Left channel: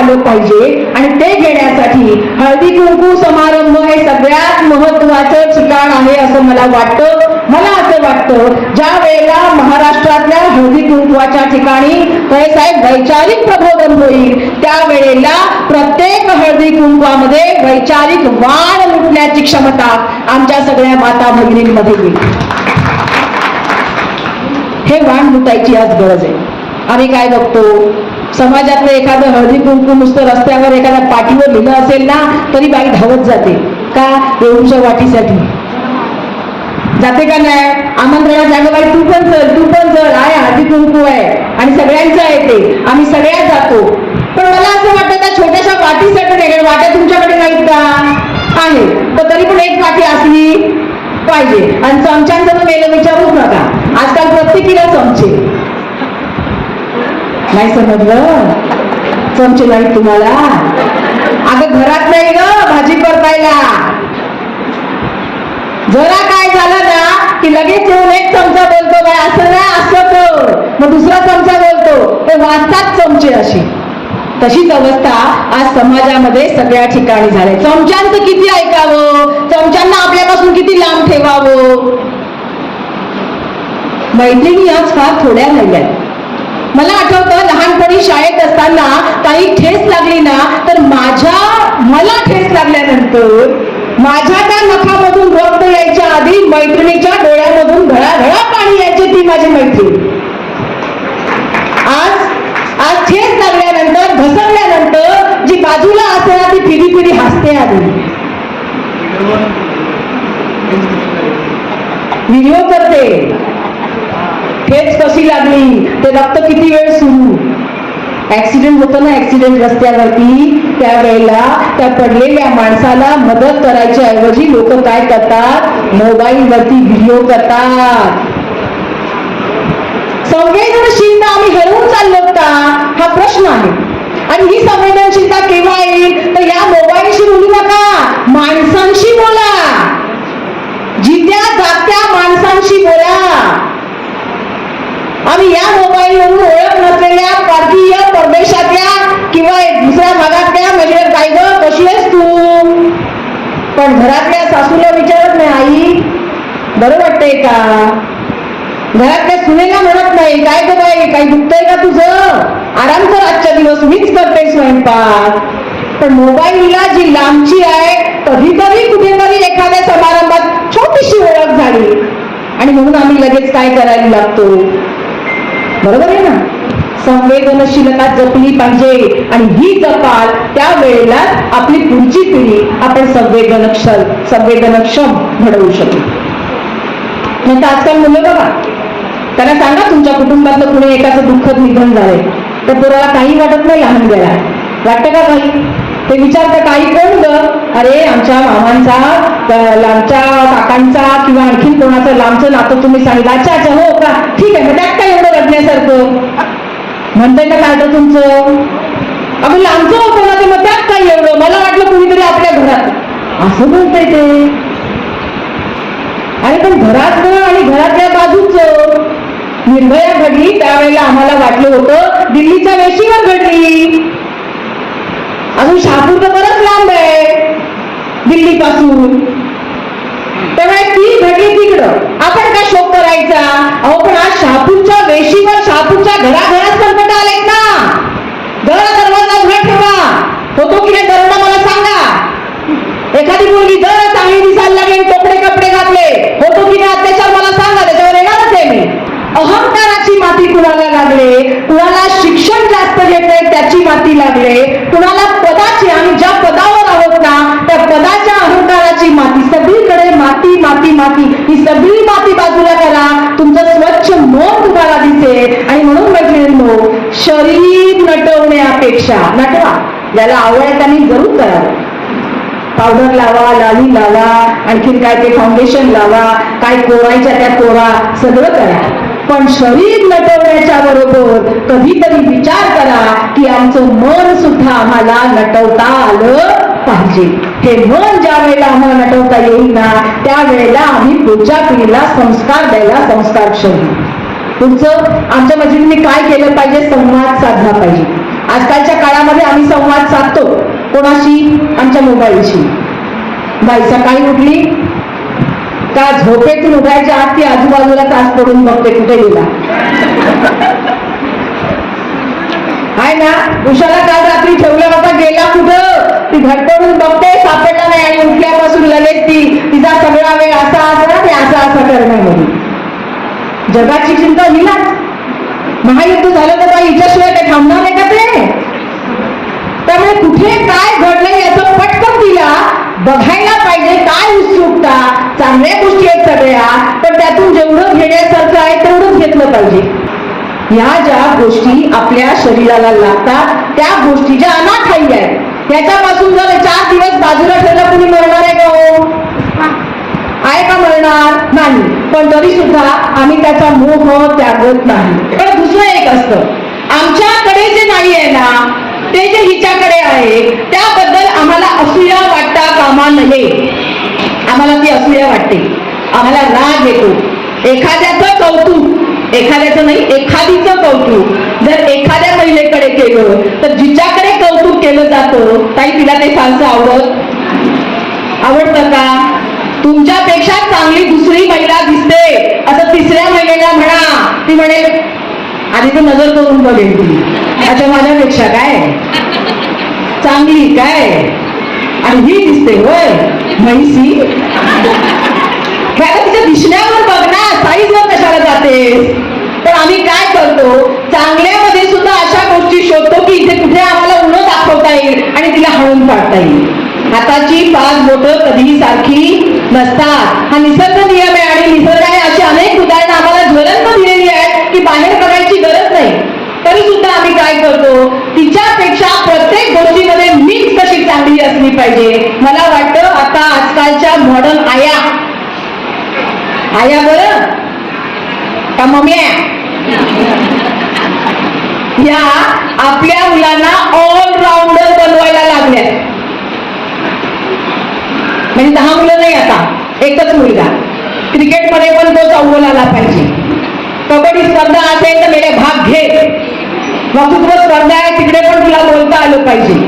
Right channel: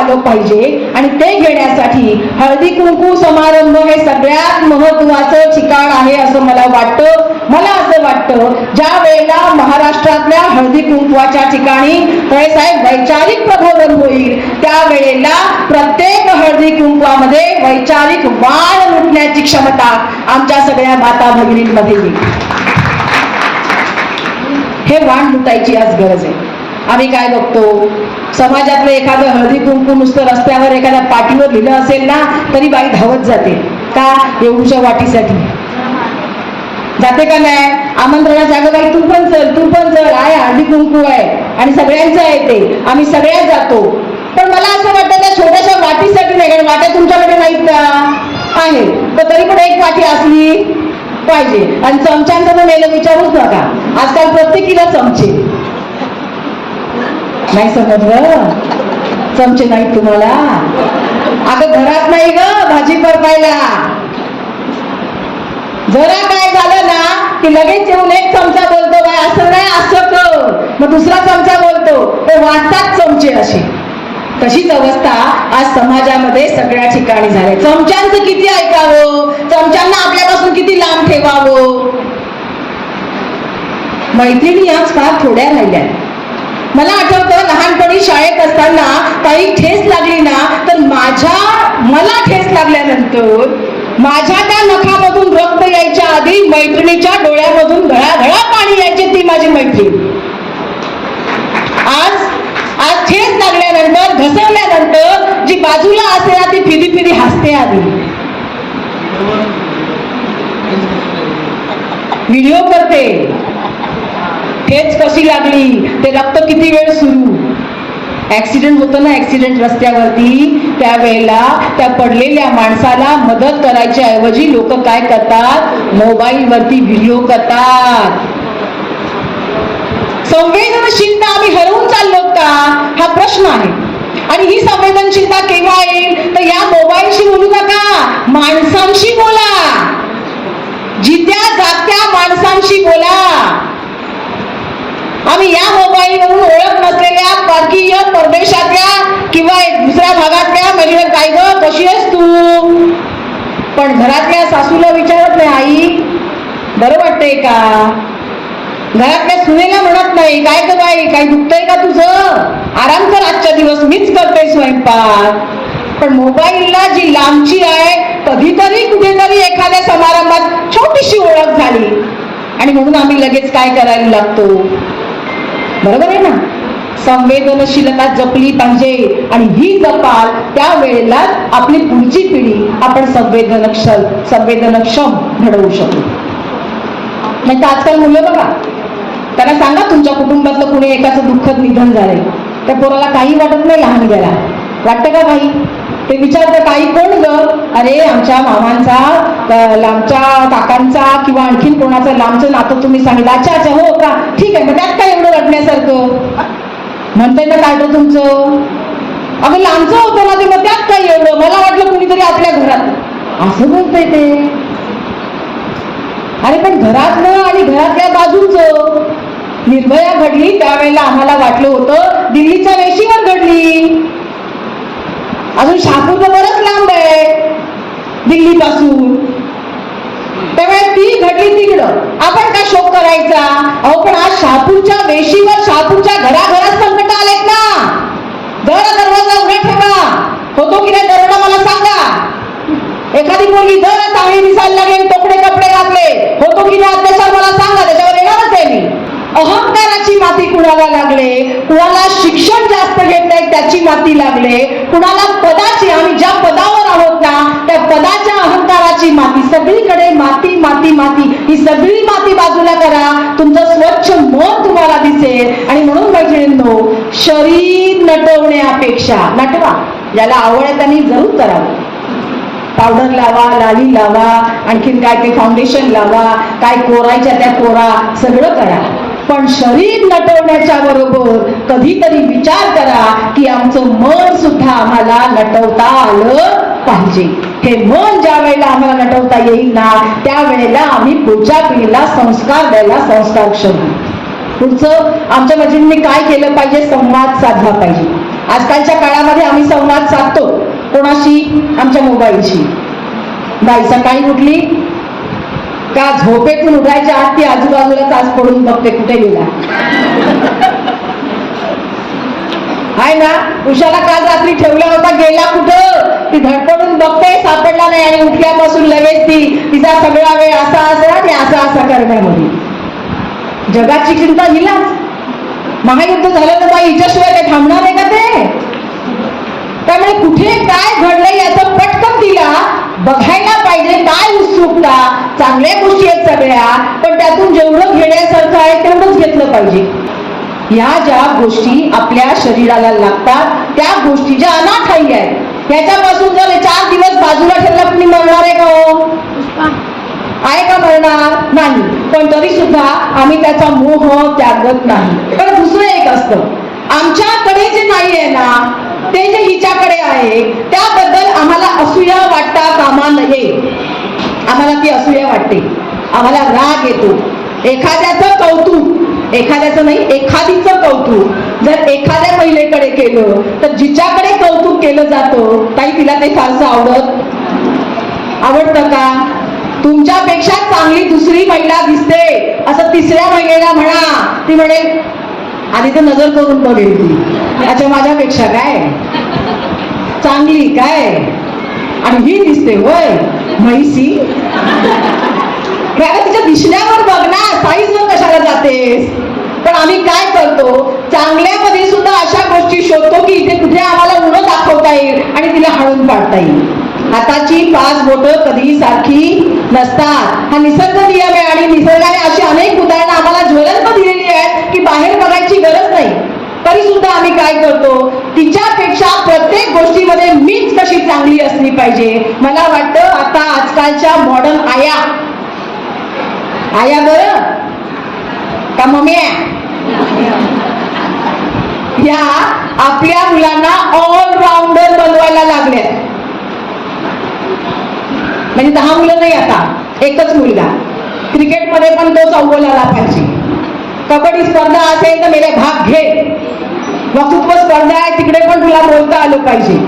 आलं पाहिजे आणि ते घेण्यासाठी हळदी कुंकू समारंभ हे सगळ्यात महत्वाचं ठिकाण आहे असं मला वाटतं. मला असं वाटतं ज्या वेळेला महाराष्ट्रातल्या हळदी कुंकवाच्या ठिकाणी साहेब वैचारिक प्रबोधन होईल त्यावेळेला प्रत्येक हळदी कुंकवामध्ये वैचारिक वाण लुटण्याची क्षमता आमच्या सगळ्या माता भगिनींमध्ये येईल. हे वाण लुटायची आज गरज आहे. आम्ही काय बघतो समाजातलं एखादं हळदी कुंकू नुसतं रस्त्यावर एखाद्या पाठीवर लिहिलं असेल ना तरी बाई धावत जाते का एवढ्या वाटीसाठी जाते का नाही. आमंत्रणात अगं बाई तू पण चल आहे हळदी कुंकू आहे आणि सगळ्यांचं आहे ते आम्ही सगळ्यात जातो. पण मला असं वाटतं त्या छोट्याशा वाटीसाठी नाही कारण वाट्या तुमच्याकडे नाहीत का आहे पण तरी पण एक वाटी असली पाहिजे. आणि चमच्यांचं तर मेलं विचारूच नका आजकाल प्रत्येकीला चमचे नाही समजलं चमचे नाहीत तुम्हाला. अगं घरात नाही ग भाजी परतायला जरा काय झालं ना की लगेच येऊन एक चमचा बोलतो काय असं नाही असं कर मग दुसरा चमचा बोलतो ते वाटतात चमचे. अशी तशीच अवस्था आज समाजामध्ये सगळ्या ठिकाणी झाली. चमच्यांचं किती ऐकावं चमच्यांना आपल्यापासून किती लांब ठेवावं. मैत्रिणी आज फार थोड्या राहिल्या. मला आठवतं लहानपणी शाळेत असताना काही ठेस लागली ना तर मला ठेस लागल्यानंतर माझ्या त्या नखामधून रक्त यायच्या आधी मैत्रिणीच्या डोळ्यामधून घळाघळा पाणी यायचे ती माझी मैत्रीण. आज ठेस लागल्यानंतर घसरल्यानंतर जी बाजूला असते ना ती फिरी फिरी हसते. आधी व्हिडिओ करते ठेच कशी लागली ते रक्त किती वेळ सुरू. ऍक्सिडेंट होतो ना ऍक्सिडेंट रस्त्यावरती त्यावेळेला त्या पडलेल्या माणसाला मदत करायच्या ऐवजी लोक काय करतात मोबाईल वरती व्हिडिओ करतात. संवेदनशीलता आम्ही हरवून चाललो का हा प्रश्न आहे. आणि ही संवेदनशीलता केव्हा येईल तर या मोबाईलशी बोलू नका माणसांशी बोला. जित्या जागत्या माणसांशी बोला. आम्ही या मोबाईलवरून ओळख नसलेल्या परकीय परदेशातल्या किंवा दुसऱ्या भागातल्या म्हणजे काय ग कशी आहेस तू पण घरातल्या सासूला विचारत नाही आई बरं वाटतंय का. घरातल्या सुनेला म्हणत नाही काय ग बाई काही दुखतंय का तुझं आराम कर आजच्या दिवस मीच करते स्वयंपाक. पण मोबाईलला जी लांबची आहे कधीतरी कुठेतरी एखाद्या समारंभात छोटीशी ओळख झाली आणि म्हणून आम्ही लगेच काय करायला लागतो. बरोबर आहे ना. संवेदनशीलता जपली पाहिजे आणि ही जपाल त्यावेळेला आपली पुढची पिढी आपण संवेदनक्षम घडवू शकू. नाही तर आजकाल मुलं बघा त्यांना सांगा तुमच्या कुटुंबातलं कुणी एकाचं दुःखद निधन झालंय त्या पोराला काही वाटत नाही लहान गेला वाटतं का काही ते विचारतं काही कोण ग अरे आमच्या मामांचा आमच्या काकांचा किंवा आणखीन कोणाचं लांबचं नातं तुम्ही सांगितलं अच्छा अच्छा हो का ठीक आहे मग त्यात काय एवढं रडण्यासारखं म्हणतंय ना काय तर तुमचं अगं लांबचं होतं ना ते मग त्यात काय एवढं मला वाटलं कुणीतरी आपल्या घरात असं बोलतंय ते. अरे पण घरातलं आणि घरातल्या बाजूचं निर्भया घडली त्यावेळेला आम्हाला वाटलं होतं दिल्लीच्या वेशीवर घडली. अजून शहापूर तर बरंच लांब आहे दिल्लीपासून त्यामुळे ती घडली तिकडं आपण काय शोक करायचा. अहो पण आज शहापूरच्या वेशीवर शहापूरच्या घराघरात संकट आलेत ना. दरवाजा उघडा ठेवा होतो की नाही दरोडा मला सांगा. एखादी मुलगी दर चांगली दिसायला लागेल कपडे घातले होतो की नाही अत्याचार मला सांगा त्याच्यावर येणारच आहे मी. अहंकाराची माती कुणाला लागले कुणाला शिक्षण जास्त घेतलंय त्याची माती लागले कुणाला पदाची आम्ही ज्या पदावर आहोत ना त्या पदाच्या अहंकाराची माती सगळीकडे माती माती माती ही सगळी माती बाजूला करा तुमचं स्वच्छ मन तुम्हाला दिसेल. आणि म्हणून मैत्रिणींनो शरीर नटवण्यापेक्षा नटवा ज्याला आवड आहे त्यांनी जरूर करावं. पावडर लावा लाली लावा आणखीन काय ते फाउंडेशन लावा काय कोरायच्या त्या कोरा सगळं करा पण शरीर नटवण्याच्या बरोबर कधीतरी विचार करा की आमचं मन सुद्धा आम्हाला नटवता आलं पाहिजे. हे मन ज्या वेळेला आम्हाला नटवता येईल ना त्यावेळेला आम्ही पुढच्या पिढीला संस्कार द्यायला संस्कारक्षम. पुढचं आमच्या मैत्रिणींनी काय केलं पाहिजे संवाद साधला पाहिजे. आजकालच्या काळामध्ये आम्ही संवाद साधतो कोणाशी? आमच्या मोबाईलशी. बाई सकाळी उठली का झोपेतून उठायच्या आत ती आजूबाजूला तास पडून बघते कुठे गेला आहे ना. उषाला काल रात्री ठेवला होता, गेला कुठं? ती धडपडून बघते, सापडला नाही आणि उठल्यापासून लगेच तिचा सगळा वेळ असा आणि असा करण्यामध्ये. जगाची चिंता हिलाच. महायुद्ध झालं तर बाई हिच्याशिवाय काय थांबणार आहे का ते? त्यामुळे कुठे काय घडलंय याचं पटकन तिला बघायला पाहिजे. काय उत्सुकता, चांगल्या गोष्टी आहेत सगळ्या, पण त्यातून जेवढं घेण्यासारखं आहे तेवढंच घेतलं पाहिजे. ह्या ज्या गोष्टी आपल्या शरीराला लागतात त्या गोष्टी ज्या अनाठायी आहेत, याच्यापासून जर 4 दिवस बाजूला ठेवला कुणी मरणार आहे का? हो आहे का? मरणार नाही. पण तरी सुद्धा आम्ही त्याचा मोह त्यागत नाही. पण दुसरं एक असतं, आमच्याकडे जे नाही आहे ना ते जे हिच्याकडे आहे त्याबद्दल आम्हाला असूया वाटता कामा नये. आम्हाला ती असूया वाटते, आम्हाला राग येतो. एखाद्याचं कौतुक, एखाद्याचं नाही एखादीचं कौतुक जर एखाद्या महिलेकडे केलं तर जिच्याकडे कौतुक केलं जातं ताई तिला ते फारसं आवडतं का? तुमच्यापेक्षा चांगली दुसरी महिला दिसते असं तिसऱ्या महिलेला म्हणा, ती म्हणेल आधी तर नजर करून बघेल ती, अच्छा माझ्यापेक्षा काय चांगली काय आणि ही दिसते होय म्हैसी. तिच्या दिसण्यावर बघ ना, साईजवर कशाला जातेस? पण आम्ही काय करतो, चांगल्यामध्ये सुद्धा अशा गोष्टी शोधतो की इथे कुठे आम्हाला उणं दाखवता येईल आणि तिला हळून पाडता येईल. हाताची 5 बोटं कधीही सारखी नसतात, हा निसर्ग नियम आहे. आणि निसर्गाने अशी अनेक उदाहरणं आम्हाला ज्वलंत दिलेली आहेत की बाहेर बघायची गरज नाही. तरी सुद्धा आम्ही काय करतो, तिच्यापेक्षा प्रत्येक गोष्टीमध्ये मीच कशी चांगली असली पाहिजे. मला वाटतं आता आजकालच्या मॉडर्न आया बरं का मम्या या आपल्या मुलांना ऑलराऊंडर बनवायला लागल्या. म्हणजे 10 मुलं नाही, आता एकच मुलगा. क्रिकेटमध्ये पण तोच अव्वल आला पाहिजे. कबड्डी स्पर्धा असेल तर मेरे भाग घे. वक्तृत्व स्पर्धा आहे तिकडे पण तुला बोलता आलं पाहिजे.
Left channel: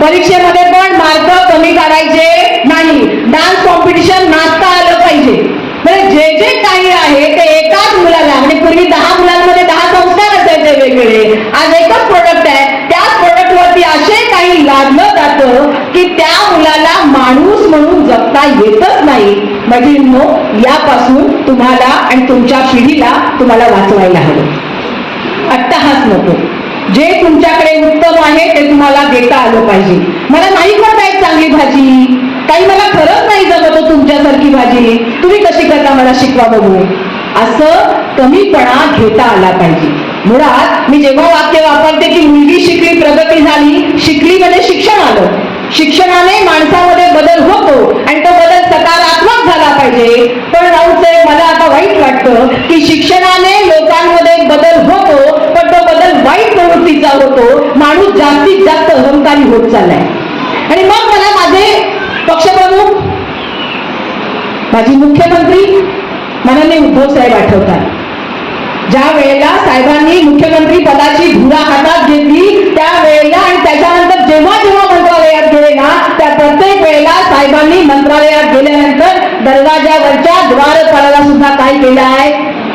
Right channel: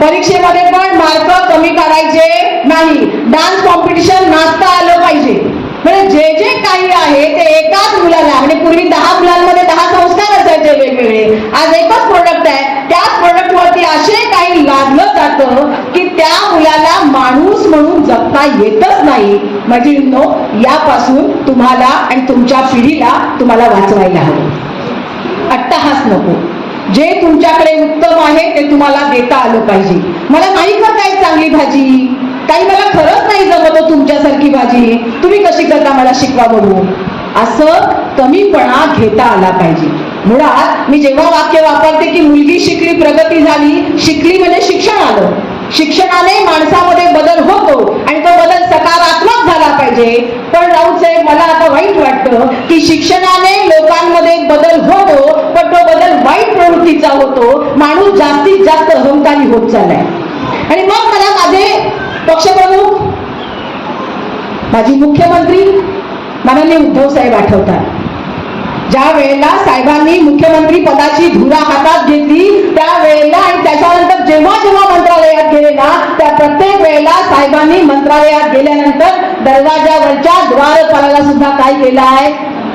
परीक्षेमध्ये पण मार्क कमी काढायचे नाही. डान्स कॉम्पिटिशन नाचता आलं पाहिजे. म्हणजे जे जे काही आहे ते एकाच मुलाला, म्हणजे पूर्वी 10 मुलांमध्ये 10 संस्कार असायचे वेगवेगळे, आज एकच प्रोडक्ट आहे. त्याच प्रोडक्ट वरती असे काही लादलं जातं की त्या मुलाला माणूस म्हणून जगता येतच नाही. म्हणजे यापासून तुम्हाला आणि तुमच्या पिढीला तुम्हाला वाचवायला हवं. अट्टहास नको. जे तुमच्याकडे उत्तम आहे ते तुम्हाला देता आलं पाहिजे. मला नाही करता येत चांगली भाजी, काही मला खरंच नाही जमत तुमच्यासारखी भाजी, तुम्ही कशी करता मला शिकवा बघू, असं कमीपणा घेता आला पाहिजे. मुळात मी जेव्हा वाक्य वापरते की मुलगी शिकली प्रगती झाली, शिकली म्हणजे शिक्षण आलं. शिक्षणाने माणसामध्ये बदल होतो आणि तो बदल सकारात्मक झाला पाहिजे. पण राऊत साहेब मला आता वाईट वाटतं की शिक्षणाने लोकांमध्ये बदल होतो पण तो बदल वाईट प्रवृत्तीचा होतो. माणूस जास्तीत जास्त अहंकारी होत चाललाय. आणि मग मला माझे पक्षप्रमुख, माझी मुख्यमंत्री माननीय उद्धव साहेब आठवतात. ज्या वेळेला साहेबांनी मुख्यमंत्री पदाची धुरा हातात घेतली त्यावेळेला आणि त्याच्यानंतर जेव्हा जेव्हा मंत्रालयात गेले ना त्या प्रत्येक वेळेला साहेबांनी मंत्रालयात गेल्यानंतर दरवाजावरच्या द्वारपालाला सुद्धा काय केलं आहे,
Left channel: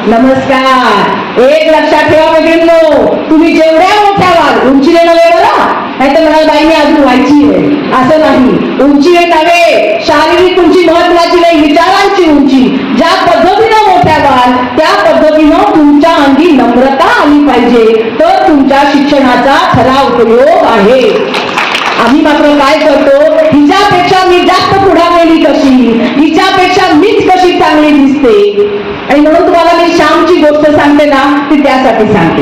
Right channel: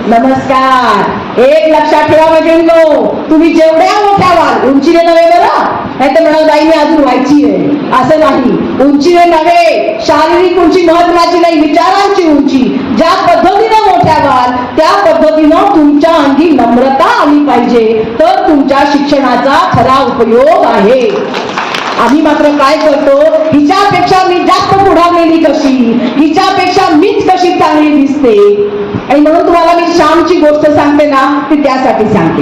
नमस्कार. एक लक्षात ठेवा मैत्रिणींनो, तुम्ही जेवढ्या मोठ्या व्हाल, उंचीने नव्हे बरं, नाही तर म्हणाल बाई मी अजून व्हायची आहे, असं नाही. उंचीने नव्हे, शारीरिक उंची महत्वाची नाही, विचारांची उंची. ज्या पद्धतीनं मोठ्या व्हाल त्या पद्धतीनं तुमच्या अंगी नम्रता आली पाहिजे, तर तुमच्या शिक्षणाचा खरा उपयोग आहे. आम्ही मात्र काय करतो, हिच्यापेक्षा मी जास्त पुढारलेली कशी, हिच्यापेक्षा मीच कशी चांगली दिसते. आणि म्हणून तुम्हाला मी श्यामची गोष्ट सांगते ना, ती त्यासाठी सांगते.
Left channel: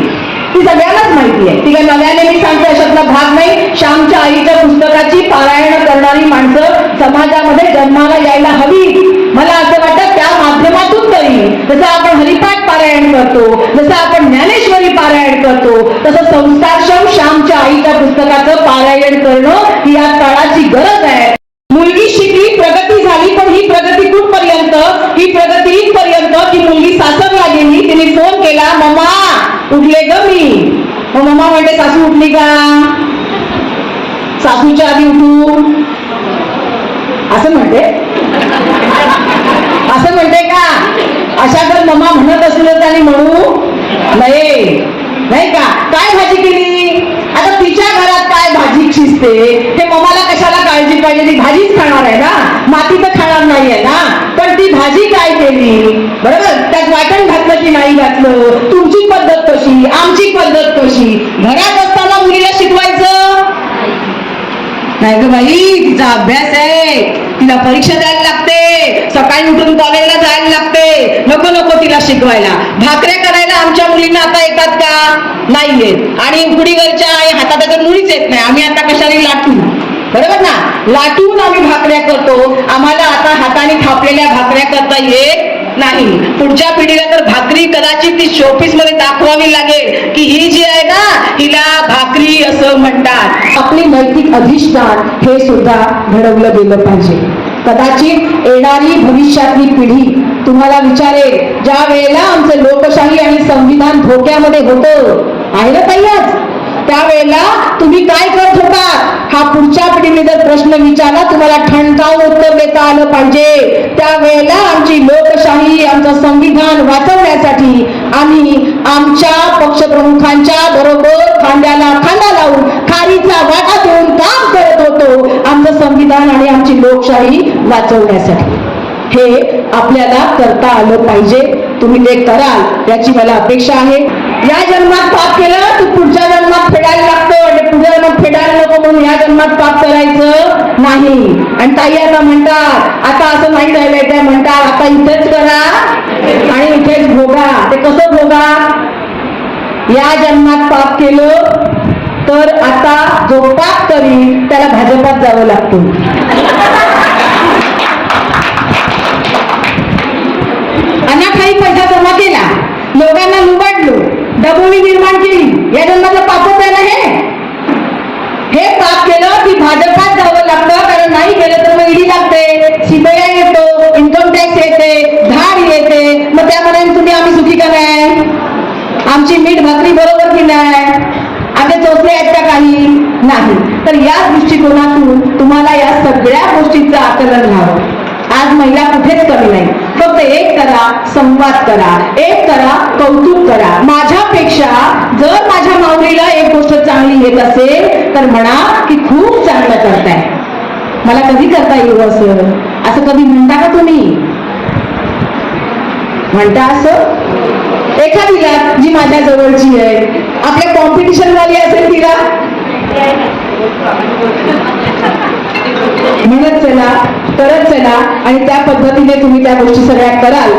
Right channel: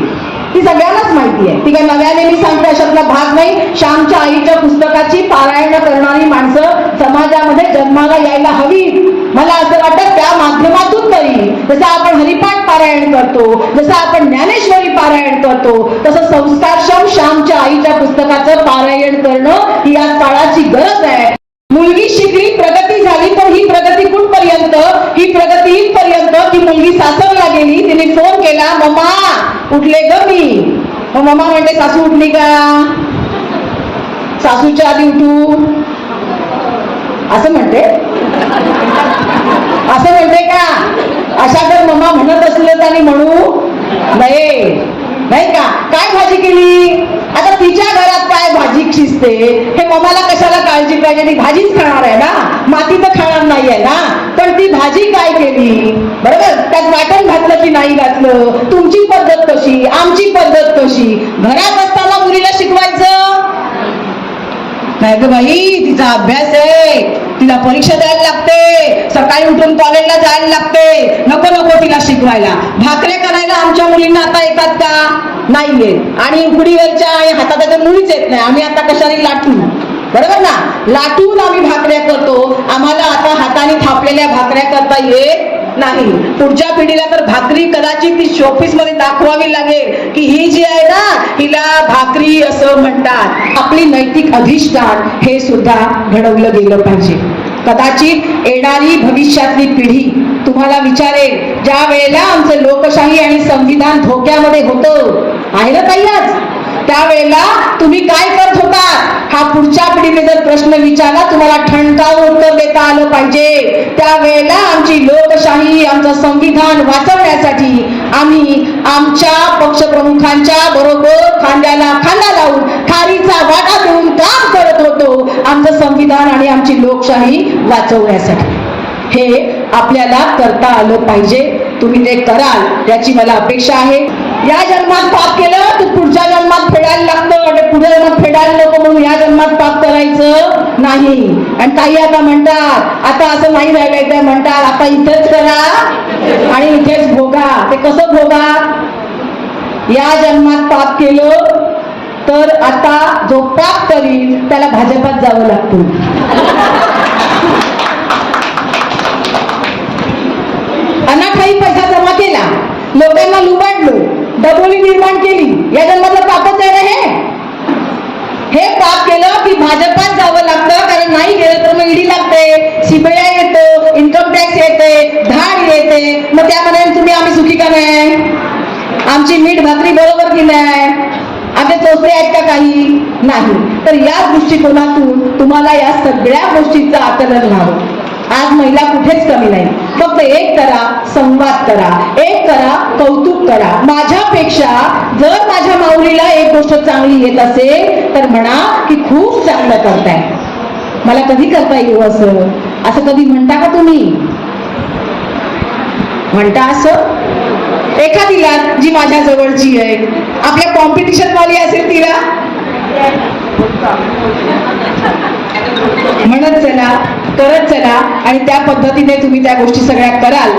ती सगळ्यांनाच माहिती आहे, ती काय नव्याने मी सांगते अशातला भाग नाही. श्यामच्या आईच्या पुस्तकाची पारायण करणारी माणसं समाजामध्ये जन्माला यायला हवी. मला असं वाटतं त्या माध्यमातून तरी जसं आपण हरिपाठ पारायण करतो, जसं आपण ज्ञानेश्वरी पारायण करतो, तसं संस्कारक्षम श्यामच्या आईच्या पुस्तकाचं पारायण करणं ही या काळाची गरज आहे. मुलगी शिकली प्रगती झाली, पण ही प्रगती कुठपर्यंत, ही प्रगती इथपर्यंत की मुलगी सासरला गेली, तिने फोन केला, मम्मा उठले ग मी, मग मम्मा म्हणते सासू उठली का, सासूच्या आधी उठू, असं म्हणते. असं म्हणते का? अशा तर मम्मा म्हणत असलं आणि म्हणू नाही, नाही का? काय भाजी केली, आता तिच्या घरात काय भाजी शिजते हे मम्माला कशाला काळजी पाहिजे, ती भाजीच खाणार आहे ना, माती तर खाणार नाहीये ना. पण ती भाजी काय केली, बरोबर, त्यात वाटण घातलं की नाही घातलं, तुमची पद्धत कशी, आमची पद्धत कशी. घरात असताना मुलीला शिकवायचं नाही ग बाई, तिचा अभ्यास आहे, तिला परीक्षा द्यायला लागते, सकाळी उठून कॉलेजला जायला लागते, नको नको तिला शिकवायला. भाकऱ्या करायला आमच्या मुलींना आता येतात का, नाही येत. आणि उकडीवरच्या आणि हातात तर मुलीच येत नाही, आम्ही आता कशाने लाटू, बरोबर ना, लाटून आम्ही भाकऱ्या करतो. आम्हाला आता हाताने थापलेल्या भाकऱ्या करता येत नाही. पुढच्या पिढीला तर भाकरी कदाचित ती शोपीस मध्ये दाखवावी लागेल की ही जी आहे ना हिला भाकरी असं म्हणतात. आपली नैतिक अधिष्ठान हे सुद्धा घडवलं गेलं पाहिजे. कदाचित येणारी भविष्यातली पिढी तुम्हाला विचारेल, ज्या वेळेला आमचं लोकशाही आणि संविधान धोक्यामध्ये होतं, आहे ना ताईच, त्यावेळेला तुम्ही काय करत होता, हा पुढच्या पिढीने जर प्रश्न विचारला तुम्हाला ठणकावून उत्तर देता आलं पाहिजे. त्यावेळेला आमची लोकशाही, आमचं संविधान वाचवण्यासाठी आम्ही आमच्या पक्षप्रमुखांच्या बरोबर खांद्याला खांदा लावून खारीचा वाटा देऊन काम करत होतो, आमचं संविधान आणि आमची लोकशाही वाचवण्यासाठी. हे आपल्याला करता आलं पाहिजे. तुम्ही ते कराल याची मला अपेक्षा आहे. या जन्मात पाप केलं तू पुढच्या जन्मात फेडायला लागतं, आणि पुढच्या जन्मात फेडायला नको म्हणून या जन्मात पाप करायचं नाही. आणि ताई आता म्हणतात, आता असं नाही राहिलंय, त्या म्हणतात आता इथेच करा आणि इथेच भोगा. ते कसं भोगा, या जन्मात पाप केलं तर आता जो पाप करील त्याला भाजपात जावं लागतं. अनाठाई पैसा जमा केला, लोकांना लुबाडलो, डबोली निर्माण केली, या जन्माचं पापच आहे ना हे पाप केलं की भाजपात जावं लागतं. कारण नाही गेलं तर मग ईडी लागते, सीबीआय येतो, इन्कम टॅक्स येते, धाड येते. मग त्यामध्ये तुम्ही आम्ही सुखी का नाही, आमची मीठ भाकरी बरोबर की नाही, आमचे चोचले आहेत का काही नाही. तर या दृष्टिकोनातून तुम्हाला या सगळ्या गोष्टींचं आकलन व्हावं. आज महिला कुठेच कमी नाही. फक्त एक करा, संवाद करा, एक करा, कौतुक करा. माझ्यापेक्षा जर माझ्या माऊलीला एक गोष्ट चांगली येत असेल तर म्हणा की खूप चांगलं करताय, मला कधी करता येईल असं, असं कधी म्हणता का तुम्ही, म्हणता असं एखादीला जी माझ्या जवळची आहे, आपल्या कॉम्पिटिशन वाली असेल तिला म्हणत चला, करत चला, आणि त्या पद्धतीने तुम्ही त्या गोष्टी सगळ्या कराल.